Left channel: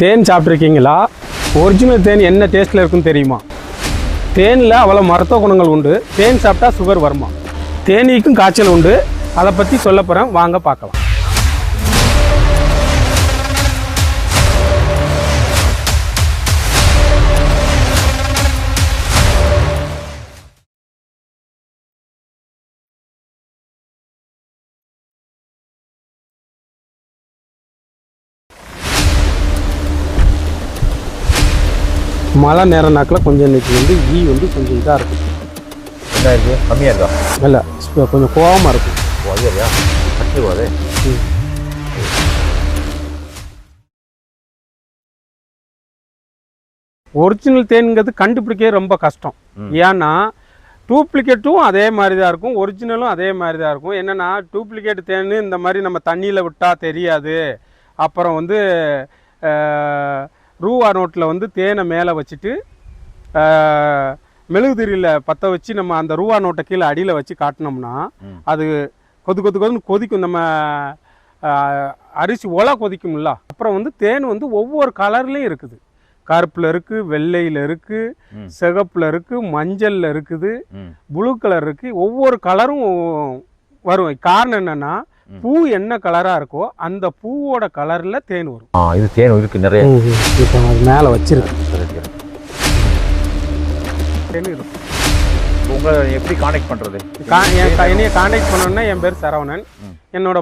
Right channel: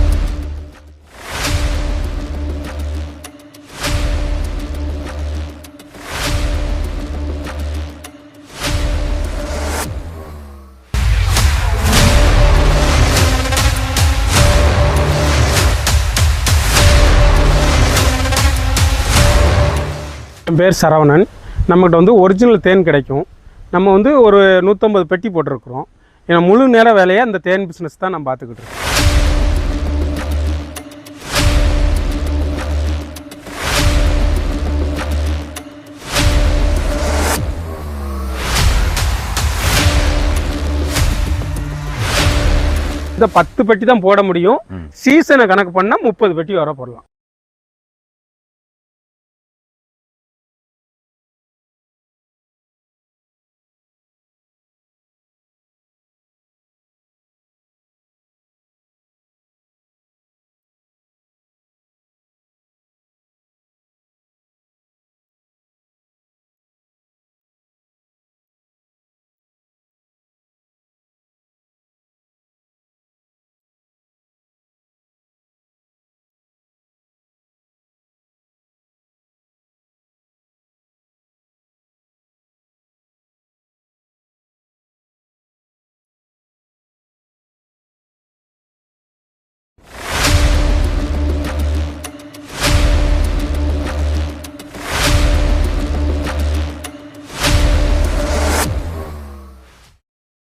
தேன் சாப்பிட்ருக்கீங்களா? Original தேன் என்ன டேஸ்ட்டில் இருக்குன்னு தெரியுமா? தேனில் அவ்வளோ மருத்துவ குணங்கள் உண்டு. தேன் சாப்பிட்டா சுகர் வருமா? தேனீக்கும் காய்ச்சல் உண்டு. அதை பற்றி சொல்ல போகிறேன், வாங்க பார்க்கலாம். என் பேர் சரவணன். நம்மகிட்ட வந்து ஒரிஜினல் தேன் கிடைக்கும். நம்ம வந்து ஒரு 150 பெட்டி போட்டிருக்கிறோம். ஏன்னா முழு நேர வேலையை அந்த தேன் பிஸ்னஸ் தான் நம்ம பார்த்துக்கிட்டோம். மழை நேர நாக்கில் கொஞ்சம் இன்றைக்கி வந்து ஈ வந்து கொஞ்சம் இதாக இருக்கும், கம்மியாக இருக்கா? இல்லை, கொஞ்சம் கோவமாக இருக்கும். இந்த 10 பெட்டி தான் போட முடியும். சீசனை கணக்கு பண்ணால் 30 பெட்டி வர போடலாம். ஒரிஜினல் தேன்ங்கிறது கண்டுபிடிக்க ரொம்ப கஷ்டம். ஏன்னா டூப்ளிகேட்டும் அதே மாதிரி தான் இருக்கும், ஒரிஜினலும் அதே மாதிரி தான் இருக்கும். என்னென்னா டூப்ளிகேட் தேன் இந்த மாதிரி நம்ம தண்ணியில் விட்டால் தெரியாது. அப்புறம் வந்து ரூபா நோட்டில் வந்து தேனை மேலே வச்சுட்டு மெழுகுதிரியில் பற்ற வச்சு நம்ம அந்த ரூபா நோட்டை கீழே அடியில் வச்சு காட்டினோம்னா அது கொதுன்னு கொதிக்கும். நம்ம அரிசி ஒலை கொதிக்கும்ல. அப்புறம் வந்து தேன் வந்து ஒவ்வொரு கலர்லேயும் இருக்குது. கருப்பில் இருக்குது, வெள்ளையில் இருக்குது, சிகப்பில் இருக்குது, மஞ்சளில் இருக்குது, ப்ளூ கலர் இருக்குது. ஒவ்வொரு கலரும் வரும். காரணம் என்னென்னா பூ என்ன கலராக இருக்கோ அந்த பூவோட கலரில் தேன் வரும். இது தேன் இருக்குது நிறைய. இப்போ அது மேலே வச்சிருக்கு தேன் இருக்கும். உங்களை எப்படி கான்டாக்ட் பண்ணுறது? என்னைய கான்டாக்ட் பண்ணோன்னா என் பேர் சரவணன். என்னோட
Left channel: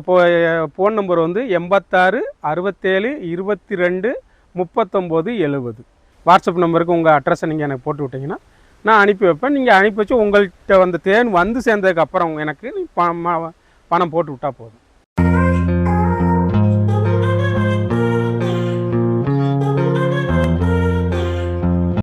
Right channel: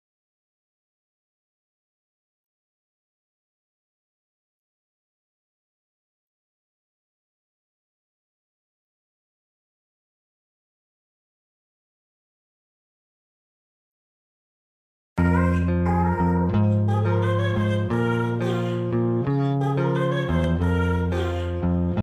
ஃபோன் நம்பர் வந்து 86 67 22 39 70. வாட்ஸ்அப் நம்பருக்கு உங்கள் அட்ரஸை நீங்கள் எனக்கு போட்டு விட்டிங்கன்னா நான் அனுப்பி வைப்பேன். நீங்கள் அனுப்பி வச்சு உங்கள்கிட்ட வந்து தேன் வந்து சேர்ந்ததுக்கு அப்புறம் எனக்கு பணம் போட்டு விட்டால் போதும்.